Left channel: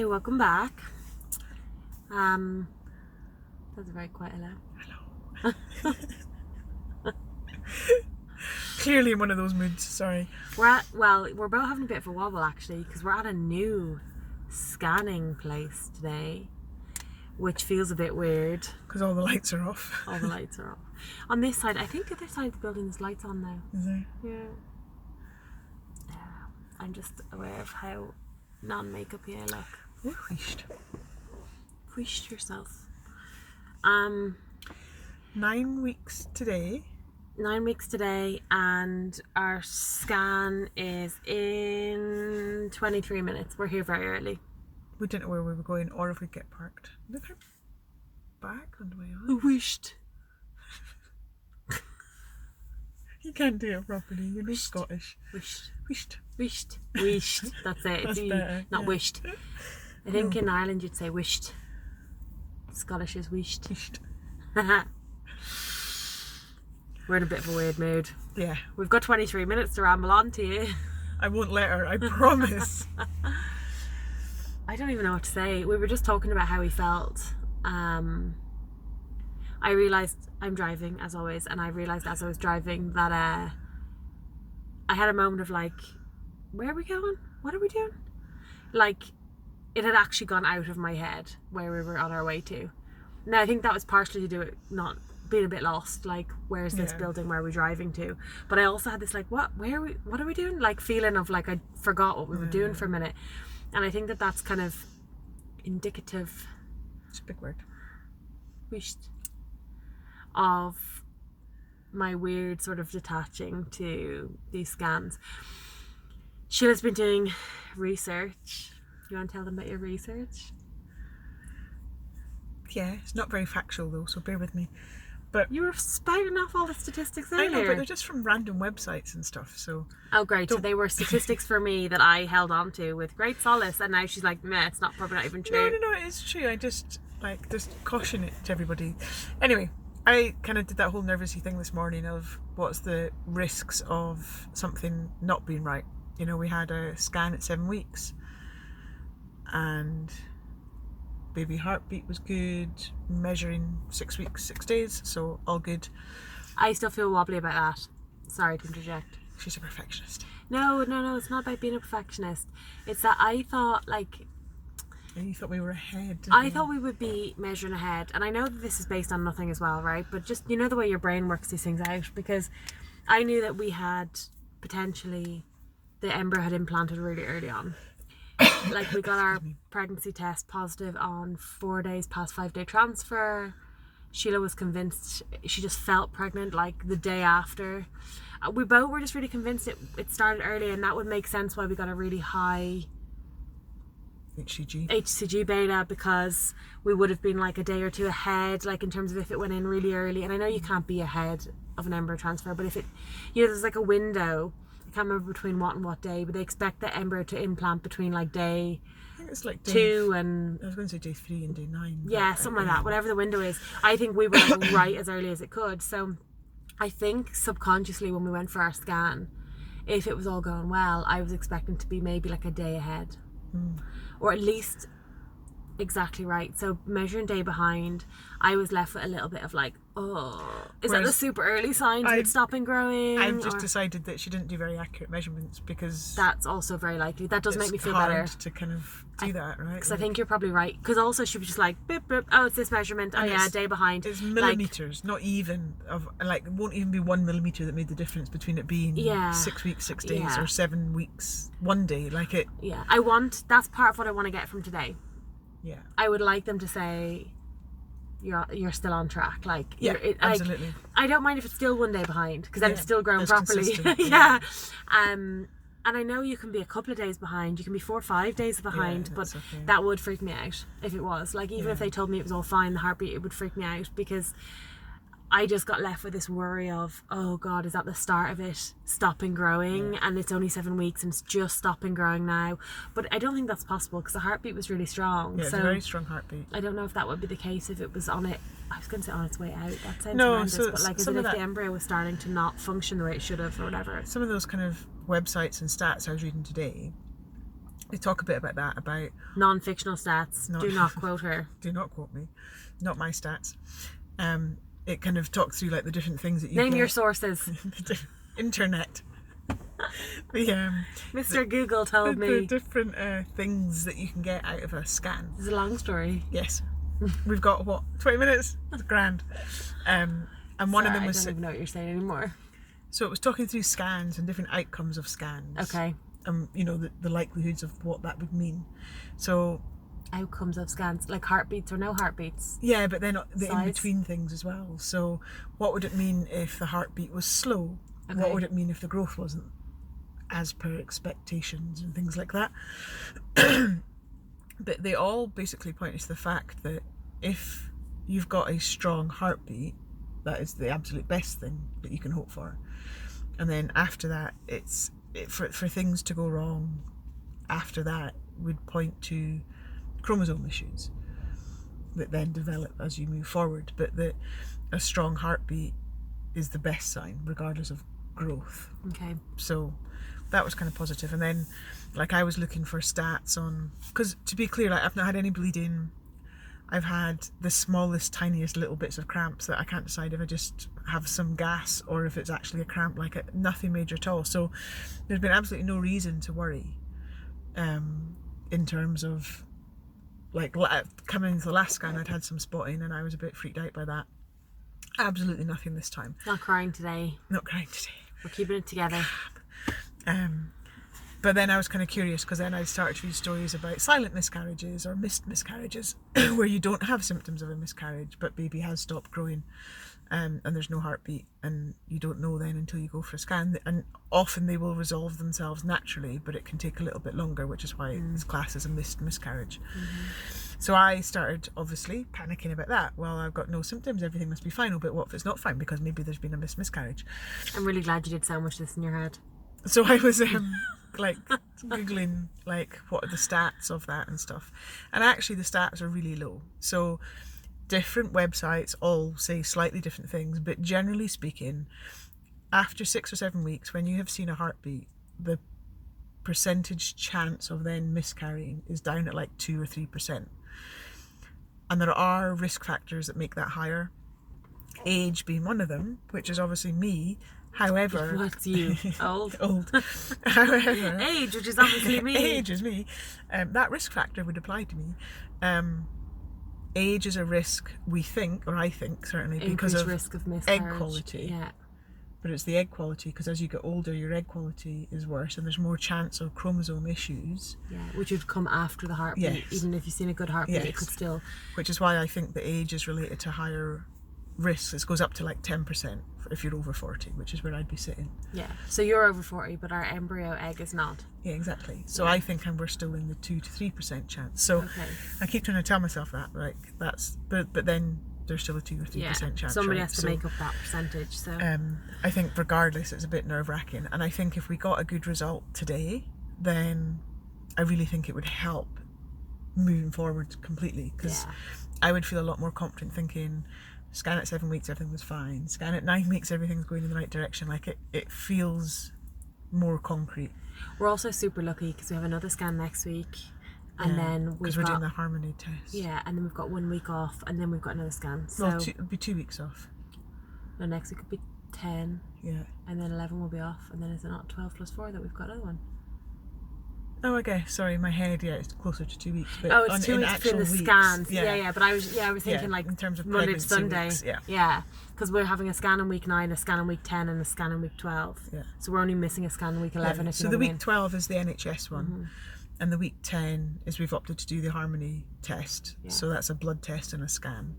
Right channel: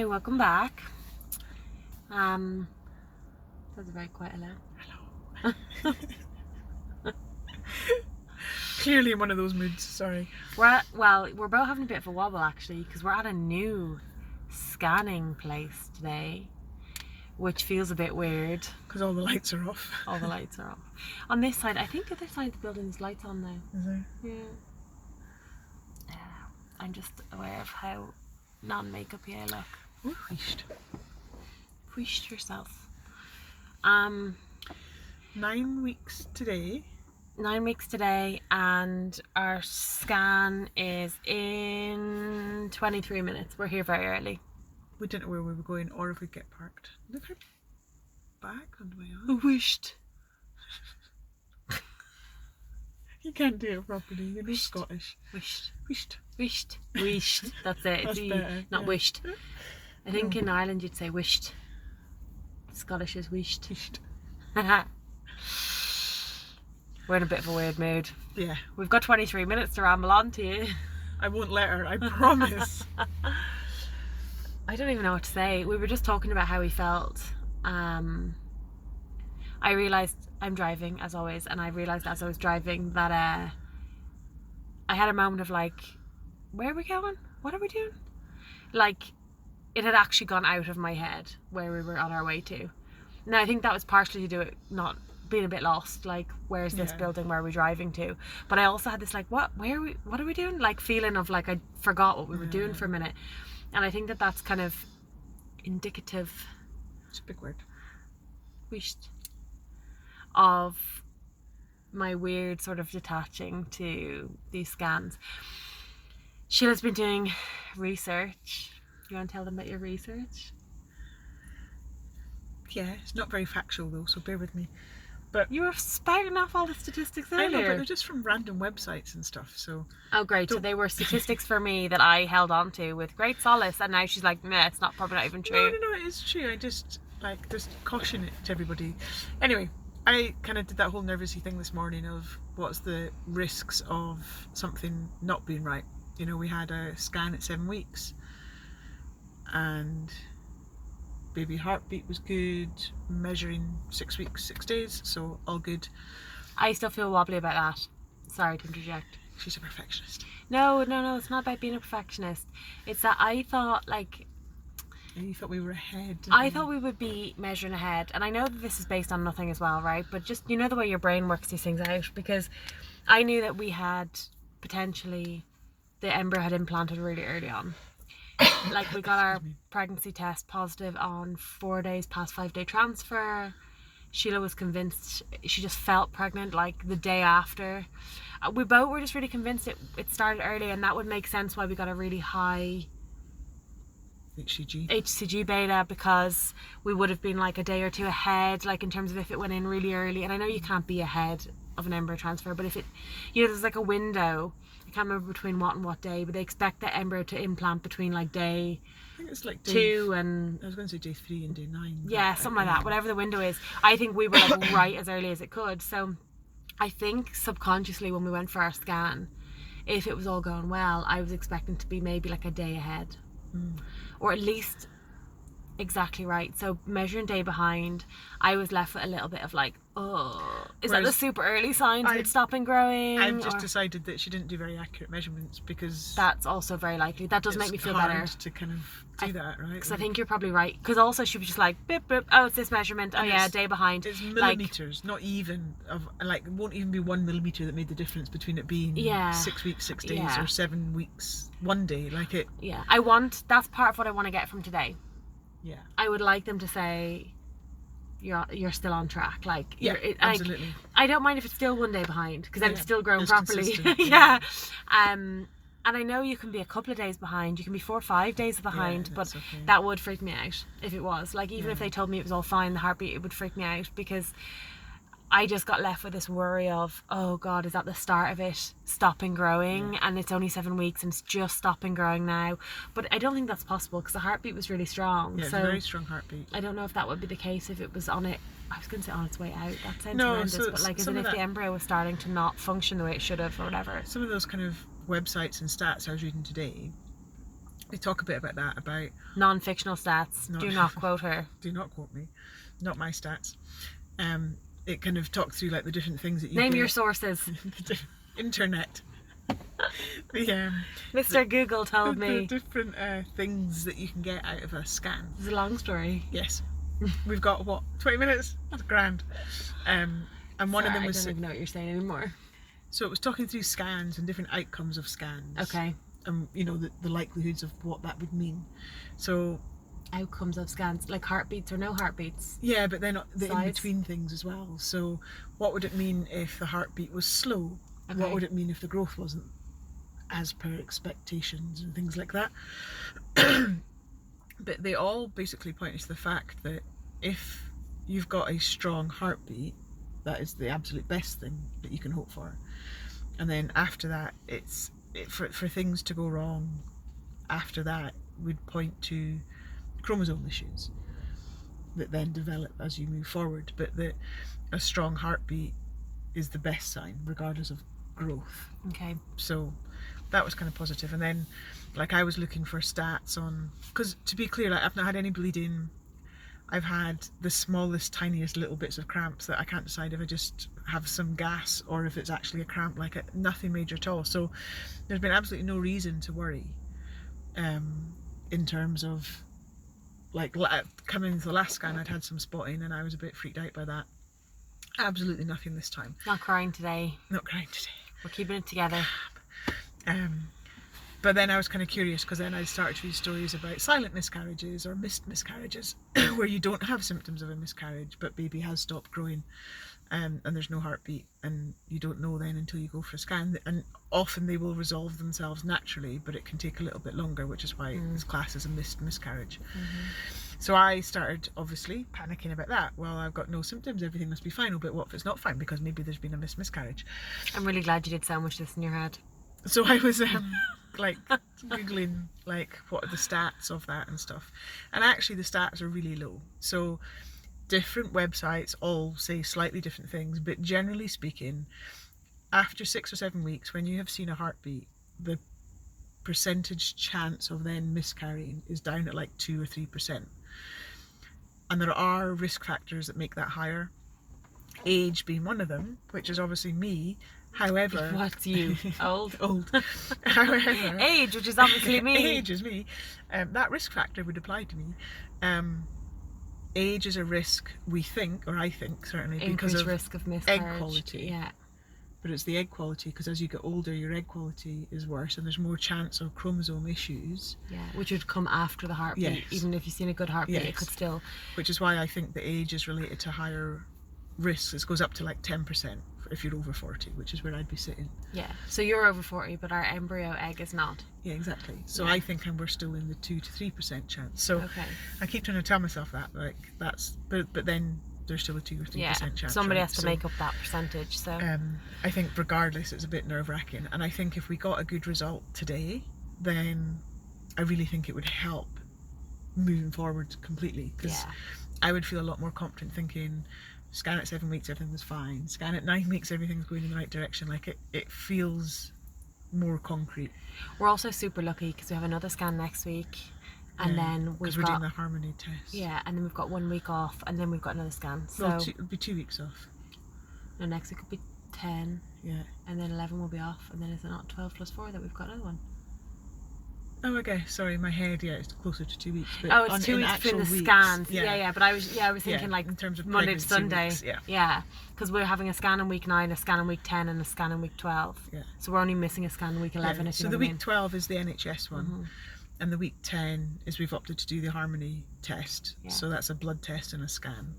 Hi, welcome back. That's very quiet loud. Hello. Clearly in one of those moods, sorry. We're both having a bit of a wobble actually, because we're at a new scanning place today, which feels a bit weird. Because all the lights are off. All the lights are off. On this side, I think the other side of the building there's lights on now. Is there? Yeah. I'm just aware of how non-makeup-y I look. Ooh, wheeshed. Wheeshed yourself. 9 weeks today. 9 weeks today, and our scan is in 23 minutes. We're here very early. We didn't know where we were going or if we'd get parked. Look our bags on the way on. Wheeshed. You can't do it properly, you're not Scottish. Wheeshed. Wheeshed. Wheeshed. Wheeshed. That's it. That's it's better, not yeah. wished. I think in Ireland you'd say wished. Scottish is wished. Wheeshed. We're in a bit of a weird mood. Yeah. We've got 23 minutes to ramble on to you. I won't let her, I promise. I don't even know what to say. We were just talking about how we felt. I realised I'm driving as always, and I realised as I was driving that I had a moment of like, where are we going? What are we doing? Like, it had actually gone out of my head where we were on our way to. Now I think that was partially to do with not being a bit lost, like where's this building, where are we driving to? But I also had this like, what are we doing? Like feeling of like I forgot what we were doing for a minute. And I think that that's kind of indicative, It's a big word. of my weird sort of detaching to these scans. Sheila's been doing research. You want to tell them about your research? Yeah, it's not very factual though, so bear with me. But You were spouting off all the statistics earlier. I know, but they're just from random websites and stuff, so... Oh great, so they were statistics for me that I held on to with great solace, and now she's like, meh, it's probably not even true. No, it is true. I just caution it to everybody. Anyway, I kind of did that whole nervousy thing this morning of what's the risks of something not being right. You know, we had a scan at 7 weeks and baby heartbeat was good, measuring 6 weeks, 6 days, so all good. I still feel wobbly about that. Sorry to interject. She's a perfectionist. No, it's not about being a perfectionist. It's that I thought like... And you thought we were ahead. I thought we would be measuring ahead, and I know that this is based on nothing as well, right? But just, you know, the way your brain works these things out, because I knew that we had potentially, the embryo had implanted really early on. Like we got our pregnancy test positive on 4 days past 5-day transfer. Sheila was convinced, she just felt pregnant like the day after. We both were just really convinced it started early, and that would make sense why we got a really high HCG beta, because we would have been like a day or two ahead, like in terms of if it went in really early. And I know you can't be ahead of an embryo transfer, but if it, you know, there's like a window, I can't remember between what and what day, but they expect the embryo to implant between like day, I think it's like day 2 and I was going to say day 3 and day 9. yeah, something like that, whatever the window is. I think we were like right as early as it could. So I think subconsciously when we went for our scan, if it was all going well, I was expecting to be maybe like a day ahead. Or at least exactly right. So measuring day behind, I was left with a little bit of like, oh, is that the super early signs of it stopping growing? I've just decided that she didn't do very accurate measurements, because that's also very likely. That does make me feel hard better to kind of do that, right? Because I think you're probably right. Because also she was just like, bip, bip, oh, it's this measurement. Oh yeah, day behind. It's millimeters, not even of like, it won't even be 1 millimeter that made the difference between it being 6 weeks, 6 days, or 7 weeks, 1 day. Like it. Yeah, that's part of what I want to get from today. Yeah. I would like them to say you're still on track. Like, absolutely. Like, I don't mind if it's still 1 day behind, because then it's still growing it's properly. Yeah. And I know you can be a couple of days behind, you can be 4 or 5 days behind, but okay. that would freak me out if it was. Like, even if they told me it was all fine, the heartbeat, it would freak me out, because I just got left with this worry of, oh God, is that the start of it stopping growing? And it's only 7 weeks and it's just stopping growing now. But I don't think that's possible, because the heartbeat was really strong. Yeah, it's a very strong heartbeat. I don't know if that would be the case if it was on it. I was going to say on its way out. That sounds No, horrendous, so but like, as some if of the embryo was starting to not function the way it should have or whatever. Some of those kind of websites and stats I was reading today they talk a bit about that, about Non-fictional stats. Do not quote her. Do not quote me, not my stats. It kind of talks through like the different things that you Name get. your sources. Internet. Mr. Google told me. The different things that you can get out of a scan. It's a long story. Yes. We've got, what, 20 minutes? That's grand. And one of them was... I don't even know what you're saying anymore. So it was talking through scans and different outcomes of scans. Okay. You know, the likelihoods of what that would mean. So... Outcomes of scans, like heartbeats or no heartbeats? Yeah, but then the Size? in-between things as well. So what would it mean if the heartbeat was slow? Okay. What would it mean if the growth wasn't as per expectations and things like that? But they all basically point to the fact that if you've got a strong heartbeat, that is the absolute best thing that you can hope for. And then after that, for things to go wrong after that would point to chromosome issues that then develop as you move forward, but that a strong heartbeat is the best sign regardless of growth. Okay. So that was kind of positive. And then like I was looking for stats on, because to be clear, like I've not had any bleeding. I've had the smallest, tiniest little bits of cramps that I can't decide if I just have some gas or if it's actually a cramp, nothing major at all. So there's been absolutely no reason to worry in terms of like coming into the last scan. I'd had some spotting and I was a bit freaked out by that. Absolutely nothing this time. Not crying today. Not crying today. We're keeping it together. But then I was kind of curious because then I started to read stories about silent miscarriages or missed miscarriages where you don't have symptoms of a miscarriage but baby has stopped growing and there's no heartbeat and you don't know then until you go for a scan, and often they will resolve themselves naturally but it can take a little bit longer, which is why it's classed as a missed miscarriage. So I started obviously panicking about that. Well, I've got no symptoms, everything must be fine. Oh, but what if it's not fine because maybe there's been a missed miscarriage? I'm really glad you did sandwich this in your head. So I was like googling like what are the stats of that and stuff, and actually the stats are really low. So different websites all say slightly different things, but generally speaking, after 6 or 7 weeks, when you have seen a heartbeat, the percentage chance of then miscarrying is down at like 2 or 3%. And there are risk factors that make that higher, age being one of them, which is obviously me. However, what's you? Old. However, age, which is obviously me. Age is me. That risk factor would apply to me. Age is a risk, we think, or I think certainly, because of risk of miscarriage. egg quality. Yeah. But it's the egg quality, because as you get older, your egg quality is worse, and there's more chance of chromosome issues. Yeah, which would come after the heartbeat. Yes. Even if you've seen a good heartbeat, Yes. it could still. Which is why I think the age is related to higher risks. It goes up to like 10% if you're over 40, which is where I'd be sitting. Yeah, so you're over 40, but our embryo egg is not. Yeah, exactly. So Yeah. I think we're still in the 2 to 3% chance. So Okay. I keep trying to tell myself that, like that's, but then there's still a 2 or 3% chance. Somebody right? has to So, make up that percentage. So I think regardless, it's a bit nerve-wracking, and I think if we got a good result today, then I really think it would help moving forward completely, because yeah. I would feel a lot more confident thinking, scan at 7 weeks, everything was fine. Scan at 9 weeks, everything's going in the right direction. Like it feels more concrete. We're also super lucky because we have another scan next week, and then because we're doing the harmony test. Yeah, and then we've got 1 week off, and then we've got another scan. So Well, it'll be 2 weeks off. no, next week will be 10, Yeah. and then 11 will be off, and then is it not 12 plus 4 that we've got another one? Oh, okay. Sorry, my head. Yeah, it's closer to 2 weeks. But Oh, it's 2 in weeks between the actual weeks, scans. Yeah. Yeah. But I was thinking like in terms of Monday to pregnancy Sunday. weeks, yeah. Yeah, because we're having a scan in week 9, a scan in week 10, and a scan in week 12. Yeah. So we're only missing a scan in week 11. Yeah. If you So know the what I week 12 is the NHS one, and the week 10 is we've opted to do the harmony test. Yeah. So that's a blood test and a scan.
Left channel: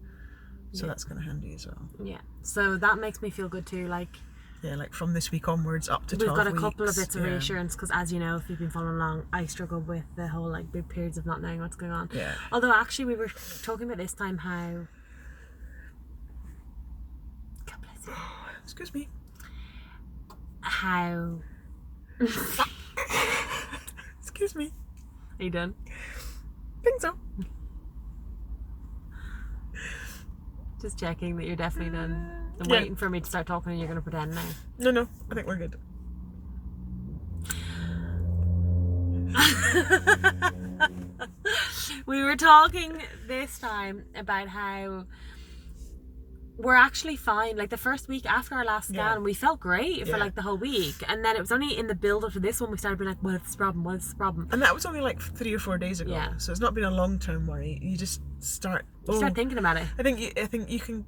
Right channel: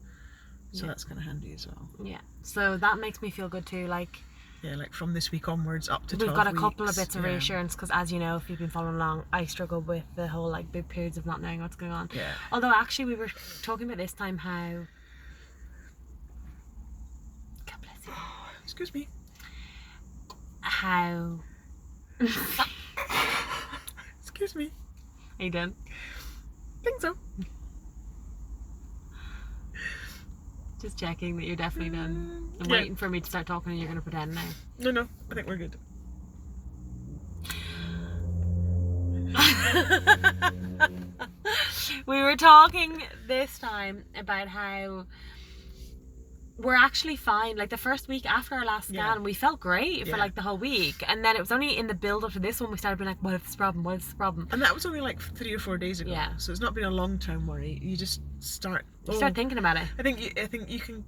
So Yeah. that's kind of handy as well. Yeah. So that makes me feel good too. Like Yeah, like from this week onwards up to 12 we've got a weeks. couple of bits of yeah. reassurance because, as you know, if you've been following along, I struggle with the whole like big periods of not knowing what's going on. Yeah. Although actually we were talking about this time how. God bless you. Excuse me. How. Excuse me. Are you done? Think so. Just checking that you're definitely done. I'm Yeah. waiting for me to start talking and you're going to pretend now. No, I think we're good. We were talking this time about how we're actually fine. Like the first week after our last scan, we felt great for like the whole week, and then it was only in the build up to this one we started being like, what is the problem, what is the problem? And that was only like 3 or 4 days ago, so it's not been a long-term worry. You just start thinking about it. I think you can,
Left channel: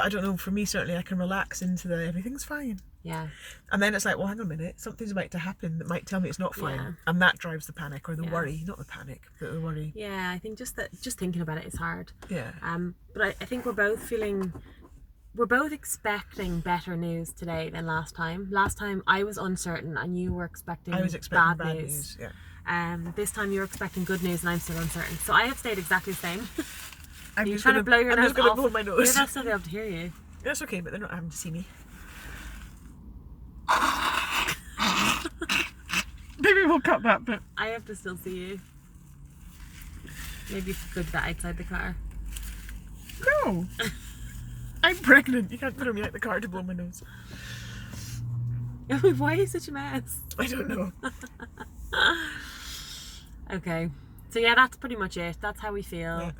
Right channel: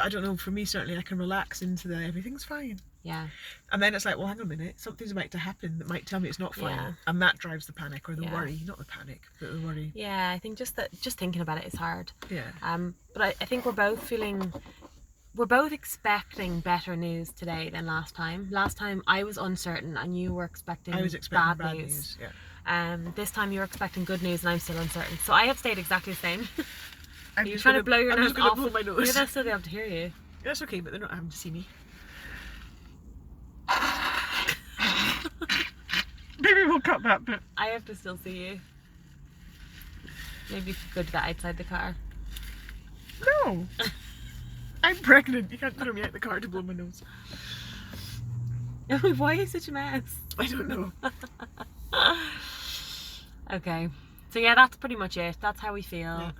I don't know, for me certainly I can relax into the everything's fine. Yeah. And then it's like, well, hang on a minute, something's about to happen that might tell me it's not fine, and that drives the panic or the worry, not the panic, but the worry. Yeah, I think just thinking about it is hard. Yeah. But I think we're both expecting better news today than last time. Last time I was uncertain and you were expecting bad news. Yeah. This time you're expecting good news and I'm still uncertain. So I have stayed exactly the same. I'm just going to blow your nose off. I'm just going to blow my nose. Maybe I'll still be able to hear you. That's okay, but they're not having to see me. Maybe we'll cut that bit. I have to still see you. Maybe you should go to the outside the car. No. I'm pregnant. You can't throw me out the car to blow my nose. Why are you such a mess? I don't know. Okay. So yeah, that's pretty much it. That's how we feel. Yeah.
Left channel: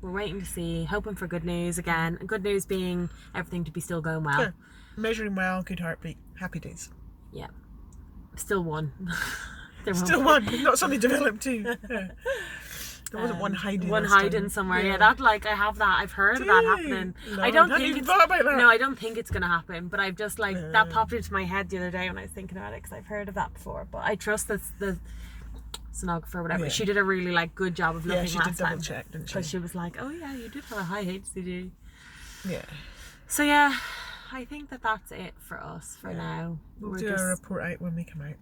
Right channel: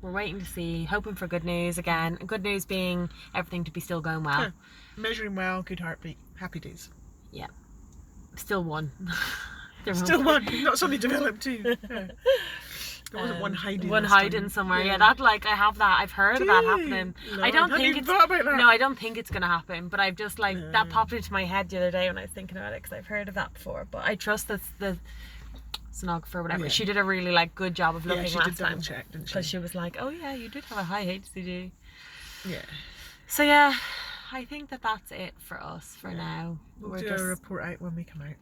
We're waiting to see, hoping for good news again. And good news being everything to be still going well. Sure. Measuring well, good heartbeat, happy days. Yeah. Still one. Still one. Not suddenly developed too. Yeah. There wasn't one hiding. One hiding somewhere. Yeah, that I have that. I've heard of that happening. No, I don't think it's. Thought about that. No, I don't think it's gonna happen. But I've just that popped into my head the other day when I was thinking about it because I've heard of that before. But I trust the sonographer or whatever. She did a really good job of looking. Yeah, she did double check, didn't she? Because she was like, "Oh yeah, you did have a high HCG." Yeah. So yeah, I think that's it for us for now. We'll do a report out when we come out.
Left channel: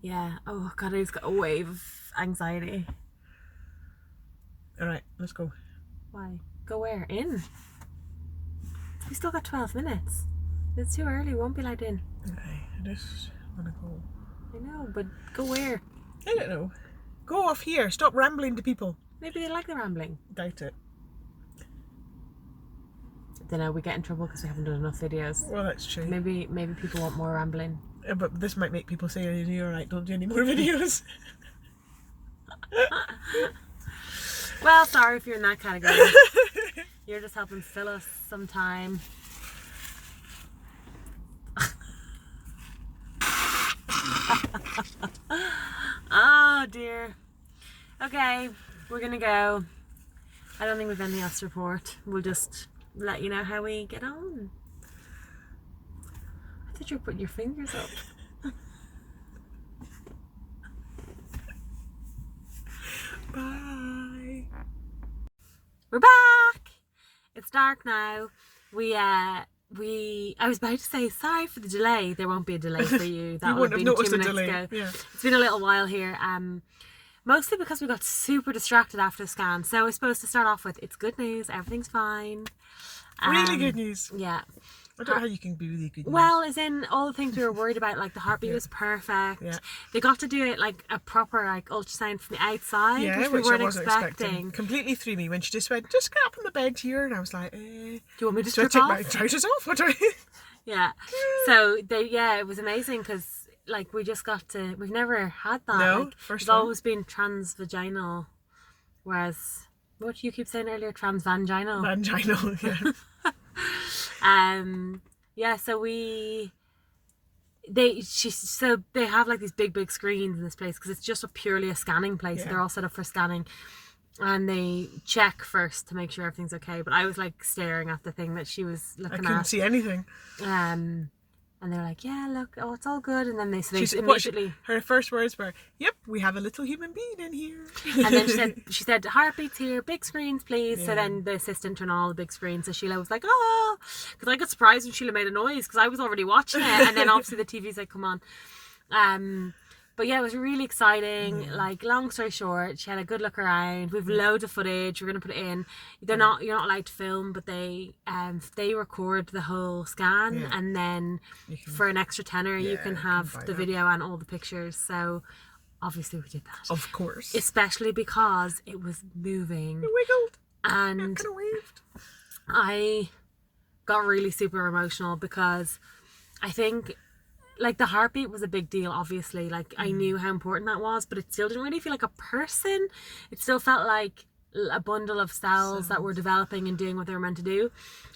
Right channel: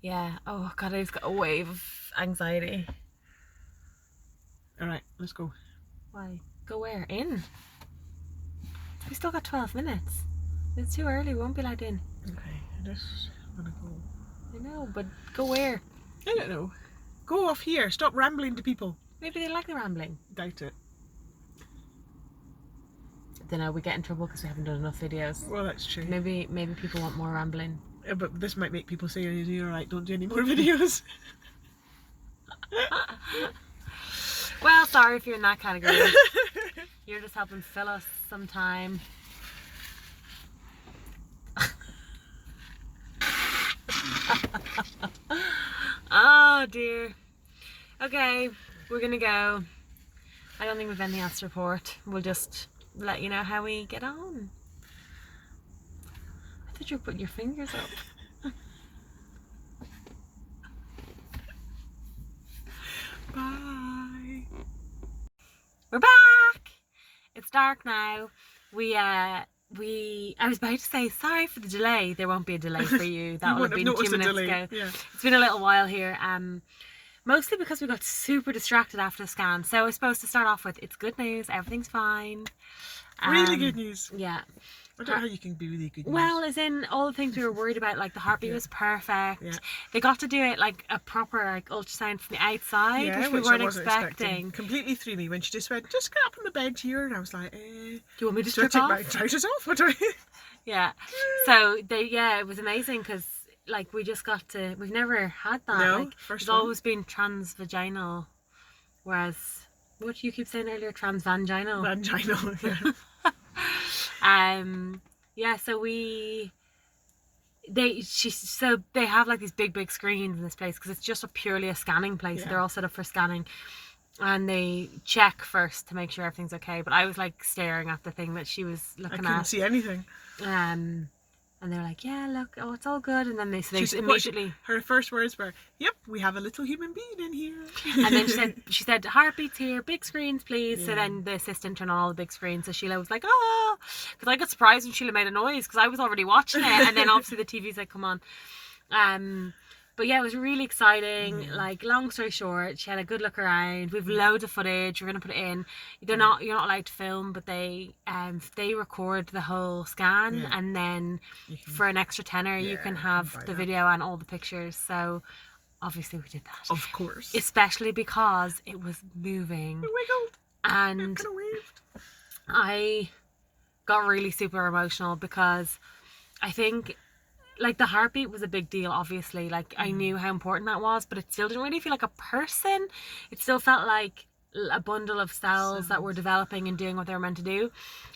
Yeah. Oh God, I just got a wave of anxiety. Alright, let's go. Why? Go where? In? We still got 12 minutes. It's too early, we won't be allowed in. Okay, I just want to go. I know, but go where? I don't know. Go off here, stop rambling to people. Maybe they like the rambling. Doubt it. I don't know, we get in trouble because we haven't done enough videos. Well, that's true. Maybe people want more rambling. Yeah, but this might make people say, you're right, don't do any more videos. Well, sorry if you're in that category. You're just helping fill us some time. Oh dear. Okay, we're gonna go. I don't think we've anything else to report. We'll just let you know how we get on. I thought you were putting your fingers up. Bye. We're back. It's dark now. I was about to say sorry for the delay. There won't be a delay for you. That would have been 2 minutes ago. Yeah. It's been a little while here. Mostly because we got super distracted after the scan. So I suppose to start off with, it's good news. Everything's fine. Really good news. Yeah. I don't know how you can be really good news. Well, as in all the things we were worried about, like the heartbeat was perfect. Yeah. They got to do it like a proper ultrasound from the outside, which we I weren't wasn't expecting. Completely threw me when she just went, just get up on the bed here, and I was like, do you want me to take my trousers off? What do I? Yeah. So it was amazing because we just got to. We've never had that. No, first one. It's always been transvaginal, whereas what you keep saying earlier, transvaginal. Vaginal, yeah. So they have these big screens in this place because it's just purely a scanning place. So they're all set up for scanning, and they check first to make sure everything's okay. But I was staring at the thing that she was looking at. I couldn't see anything. And they're like, yeah, look, it's all good. And then they immediately... her first words were, yep, we have a little human being in here. And then she said, heartbeats here, big screens, please. Yeah. So then the assistant turned on all the big screens. So Sheila was like, oh, because I got surprised when Sheila made a noise because I was already watching it. And then obviously the TV's like, come on. But yeah, it was really exciting. Long story short, she had a good look around. We've loads of footage. We're gonna put it in. You're not allowed to film, but they record the whole scan, and then for an extra tenner, you can have the video and all the pictures. So obviously we did that. Of course. Especially because it was moving. It wiggled. And it kind of waved. I got really super emotional because I think like the heartbeat was a big deal, obviously. Like I knew how important that was, but it still didn't really feel like a person. It still felt like a bundle of cells that were developing and doing what they were meant to do.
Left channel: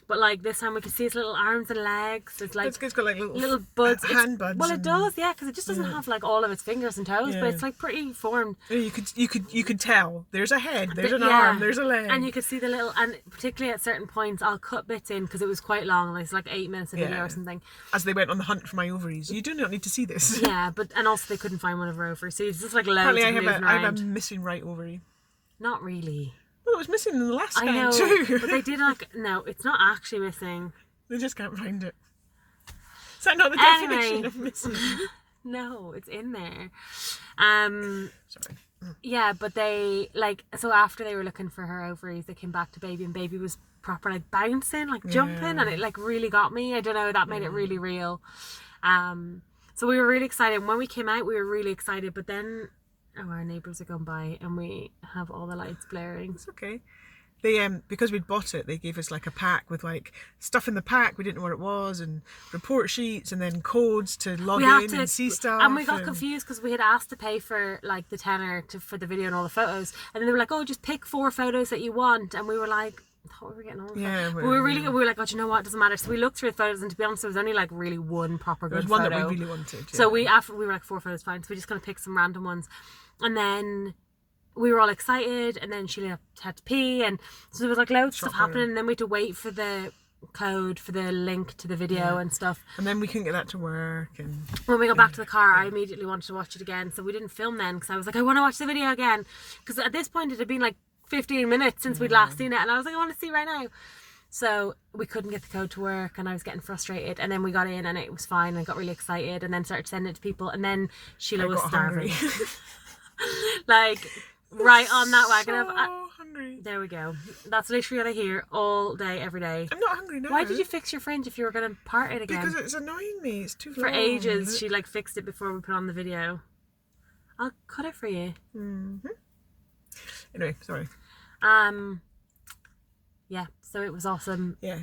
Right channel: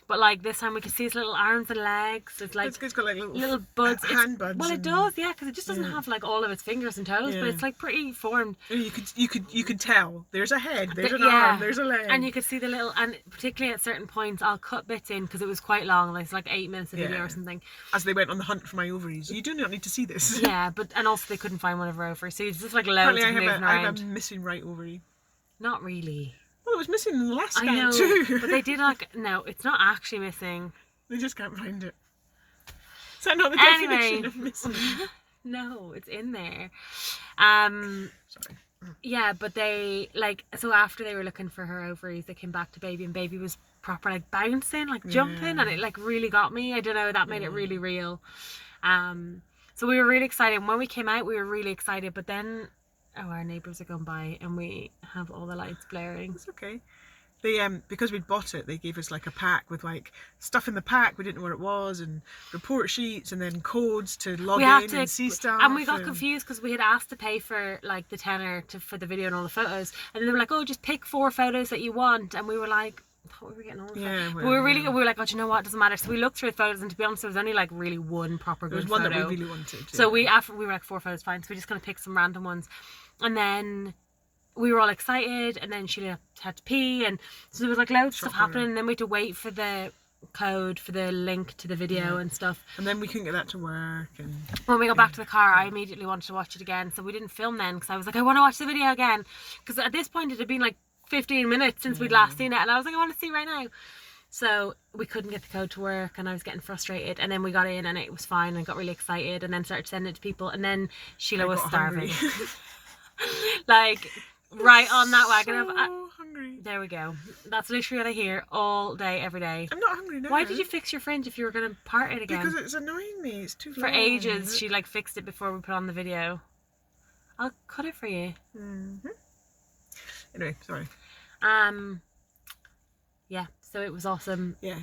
But like this time we could see his little arms and legs. It's like It's got like little buds. hand buds. Well, it does, yeah, because it just doesn't have like all of its fingers and toes, but it's like pretty formed. You could tell. There's a head. There's an arm. There's a leg. And you could see the little, and particularly at certain points, I'll cut bits in because it was quite long. Like it's like 8 minutes of video or something. As they went on the hunt for my ovaries. You do not need to see this. Yeah, and also they couldn't find one of her ovaries. So it's just like loads Apparently, of moving I have around. a missing right ovary. Not really. Well, it was missing in the last I scan know, too. but they did like, no, it's not actually missing. They just can't find it. Is that not the definition of missing? No, it's in there. Sorry. Yeah, but they like, so after they were looking for her ovaries, they came back to baby, and baby was proper like bouncing, like jumping, and it like really got me. I don't know, that made it really real. So we were really excited. When we came out, we were really excited, but then our neighbours are gone by and we have all the lights blaring. It's okay. They because we'd bought it, they gave us like a pack with like stuff in the pack. We didn't know what it was, and report sheets, and then codes to log in and see stuff. And we got confused because we had asked to pay for like the tenner for the video and all the photos, and then they were like, "Oh, just pick 4 photos that you want," and we were like, I thought we were getting all the photos. We were like, oh, do you know what? It doesn't matter. So we looked through the photos, and to be honest, there was only like really one proper good photo. There was one that we really wanted. Yeah. So we were like 4 photos, fine. So we just kind of picked some random ones, and then we were all excited, and then Sheila had to pee, and so there was like loads of stuff happening, and then we had to wait for the code for the link to the video and stuff. And then we couldn't get that to work. And when we got back to the car, I immediately wanted to watch it again, so we didn't film then because I was like, I want to watch the video again, because at this point it had been like 15 minutes since we'd last seen it, and I was like, I want to see right now. So we couldn't get the code to work, and I was getting frustrated, and then we got in and it was fine, and I got really excited, and then started sending it to people, and then Sheila was starving. Like right on that wagon. So hungry. There we go. That's literally what I hear all day, every day. I'm not hungry now. Why did you fix your fridge if you were going to part it again? Because it's annoying me. It's too For long. ages, she like fixed it before we put on the video. I'll cut it for you. Anyway, sorry. Yeah, so it was awesome. Yeah.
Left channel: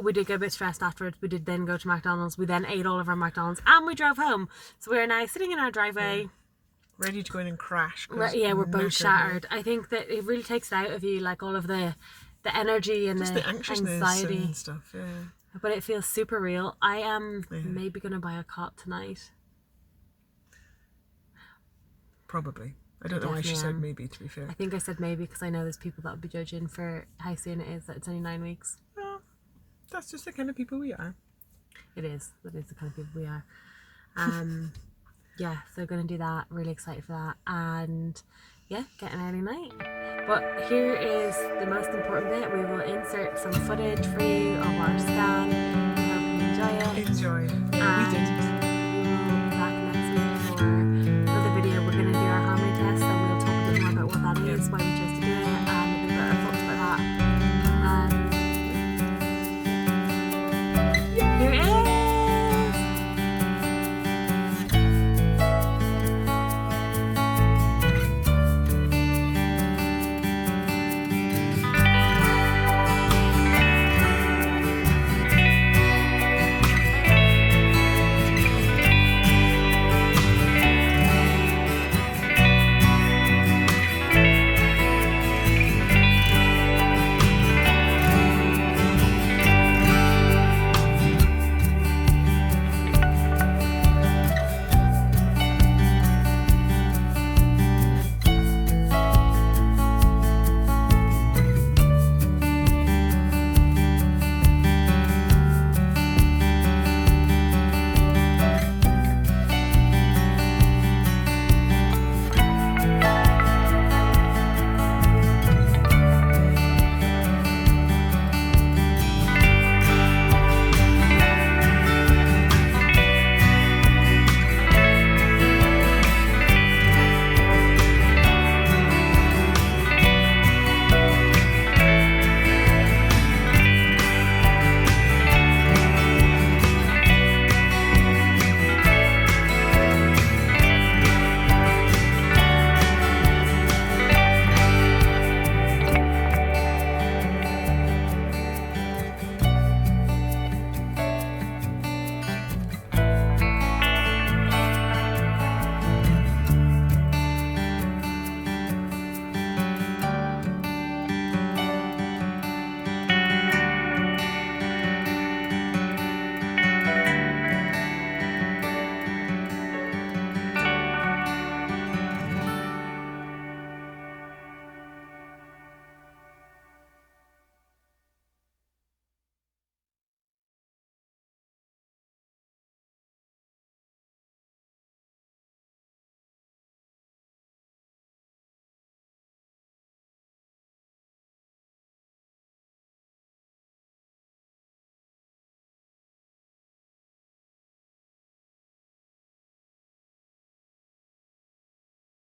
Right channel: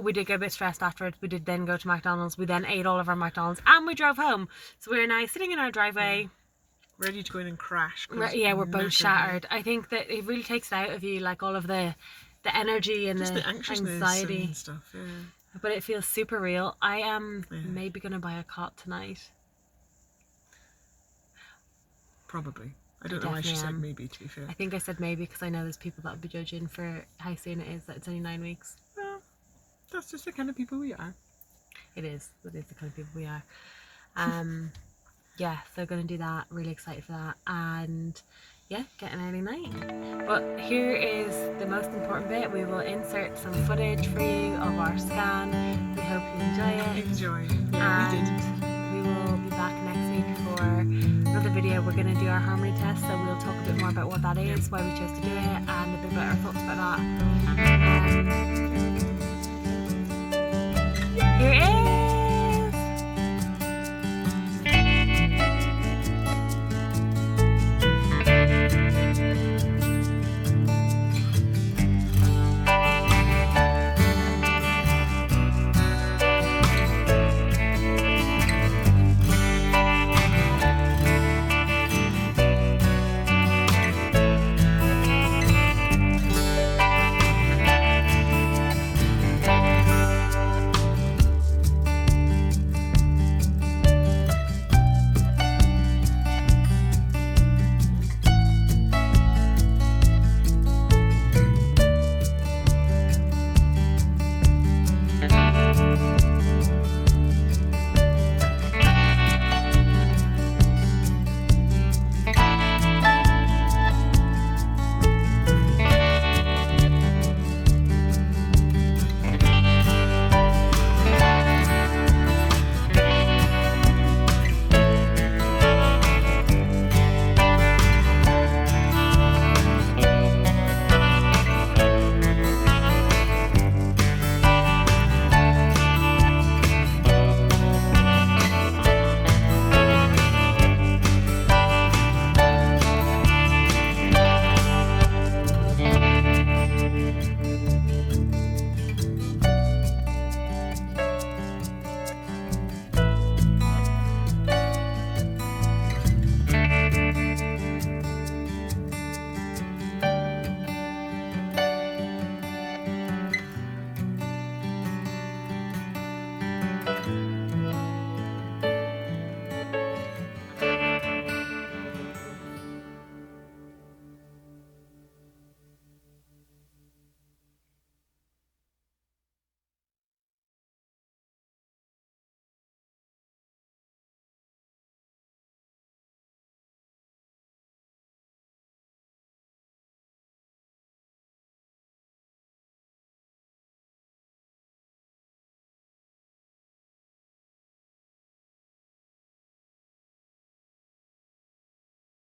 We did get a bit stressed afterwards. We did then go to McDonald's. We then ate all of our McDonald's, and we drove home. So we're now sitting in our driveway. Ready to go in and crash. Yeah, we're both shattered. I think that it really takes it out of you, like all of the energy and just the anxiousness anxiety and stuff. Yeah. But it feels super real. I am maybe going to buy a cot tonight. Probably. I don't know why she said maybe, to be fair. I think I said maybe because I know there's people that would be judging for how soon it is, that it's only 9 weeks. Well, that's just the kind of people we are. It is. That is the kind of people we are. Yeah, so going to do that. Really excited for that. And yeah, get an early night. But here is the most important bit. We will insert some footage for you of our scan. We hope you enjoy it. Enjoy. Yeah, we did. We will be back next week for another video. We're going to do our harmony test, so we'll talk a bit more about what that is, why we chose to do it, and a bit about our thoughts about that.